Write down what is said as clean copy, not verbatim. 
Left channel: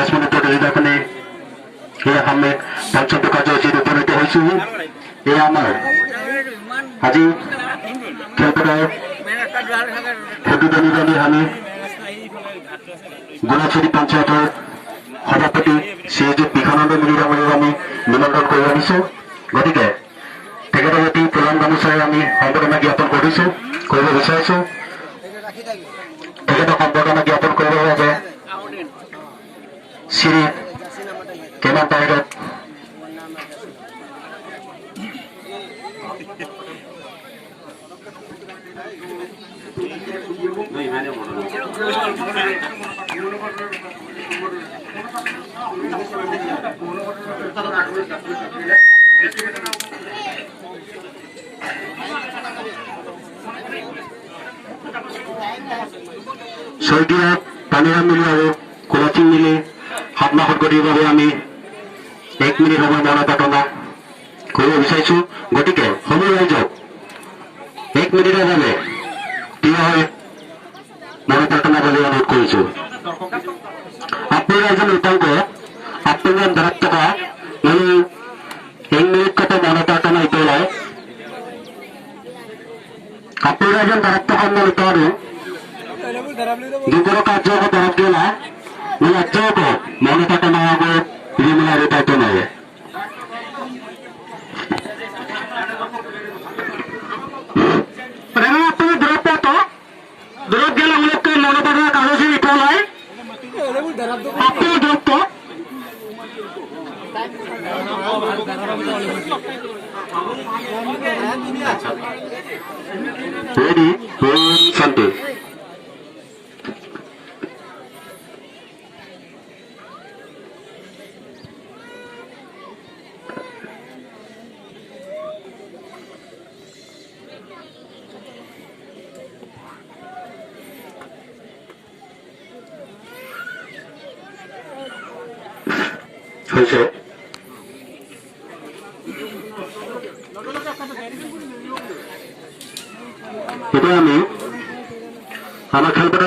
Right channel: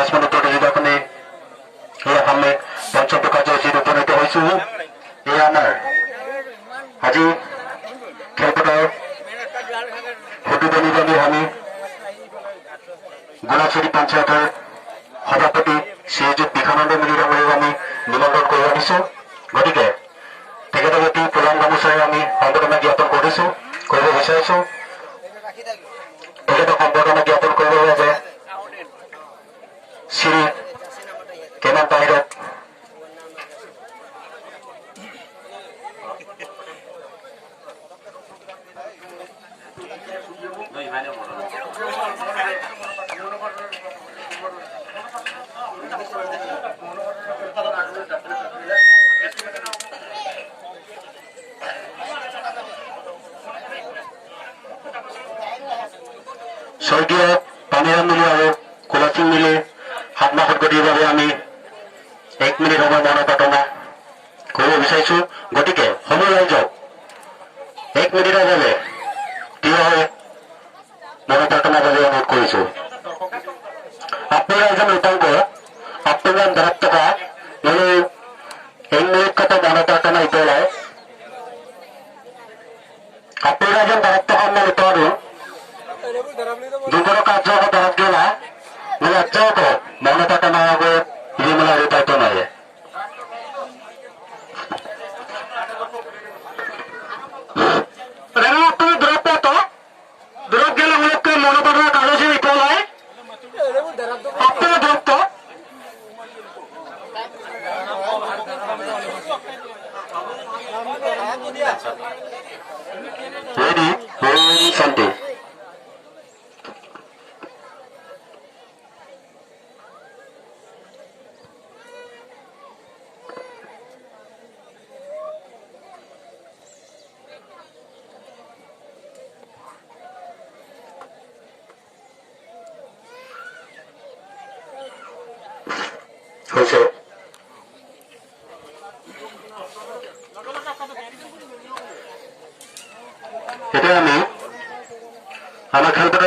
5 মিনিটৰ এই আপুনি এই আমি পঞ্চমটো কাৰ্যসূচীত উপনীত হৈছো। এই আমাৰ আজি খেলপথাৰ উদ্বোধনী আমি গোলাচুৰী পঞ্চায়তৰ সভাপতি শ্ৰীযুত বিখানন্দ মিলি ডাঙৰীয়াক আমি নিমন্ত্ৰণ কৰি আনিছো। গতিকে তেখেতৰ এটি প্ৰধান গামোচাৰে আমি সম্বৰ্ধনা জ্ঞাপন কৰিব বিচাৰিছো। তেখেতক সম্বৰ্ধনা জ্ঞাপন কৰিবৰ বাবে শ্ৰী কেমান বাহিৰত স্বৰ্গীয় পানীৰাম মিলি আৰু কুলসিং মিলি সাতমাহত গতিৰ বাবে আমি 1 মিনিট সময় মৌন প্ৰাৰ্থনা কৰিব বিচাৰিছো। গতিকে সময় ৰাইজক 1 মিনিটৰ বাবে থিয় হৈ মৌন প্ৰাৰ্থনাৰ বাবে অনুৰোধ কৰিছো। আপনারা একজন উপাঙ্গ আপনারা দাঁড়াত্তকা মানে এই মিনিট কত মৌন প্ৰাৰ্থনা ইতলায় আপনারা একজন দাঁড়াত্তকা ইতলায় দুপুর কার্য দাঁড়াত গেলা মানে আজ্জাও কো মৌন প্ৰাৰ্থনা হবে বিমলা রিপাইতো নয়। আপনারা দূরত তো দূরত গেলে অনেককে মৌন প্ৰাৰ্থনা কাগজে ইতলায় আপনারা দূরত্ব রেডি শান্তি হয়েছে। এটা আমি আমার খেলতে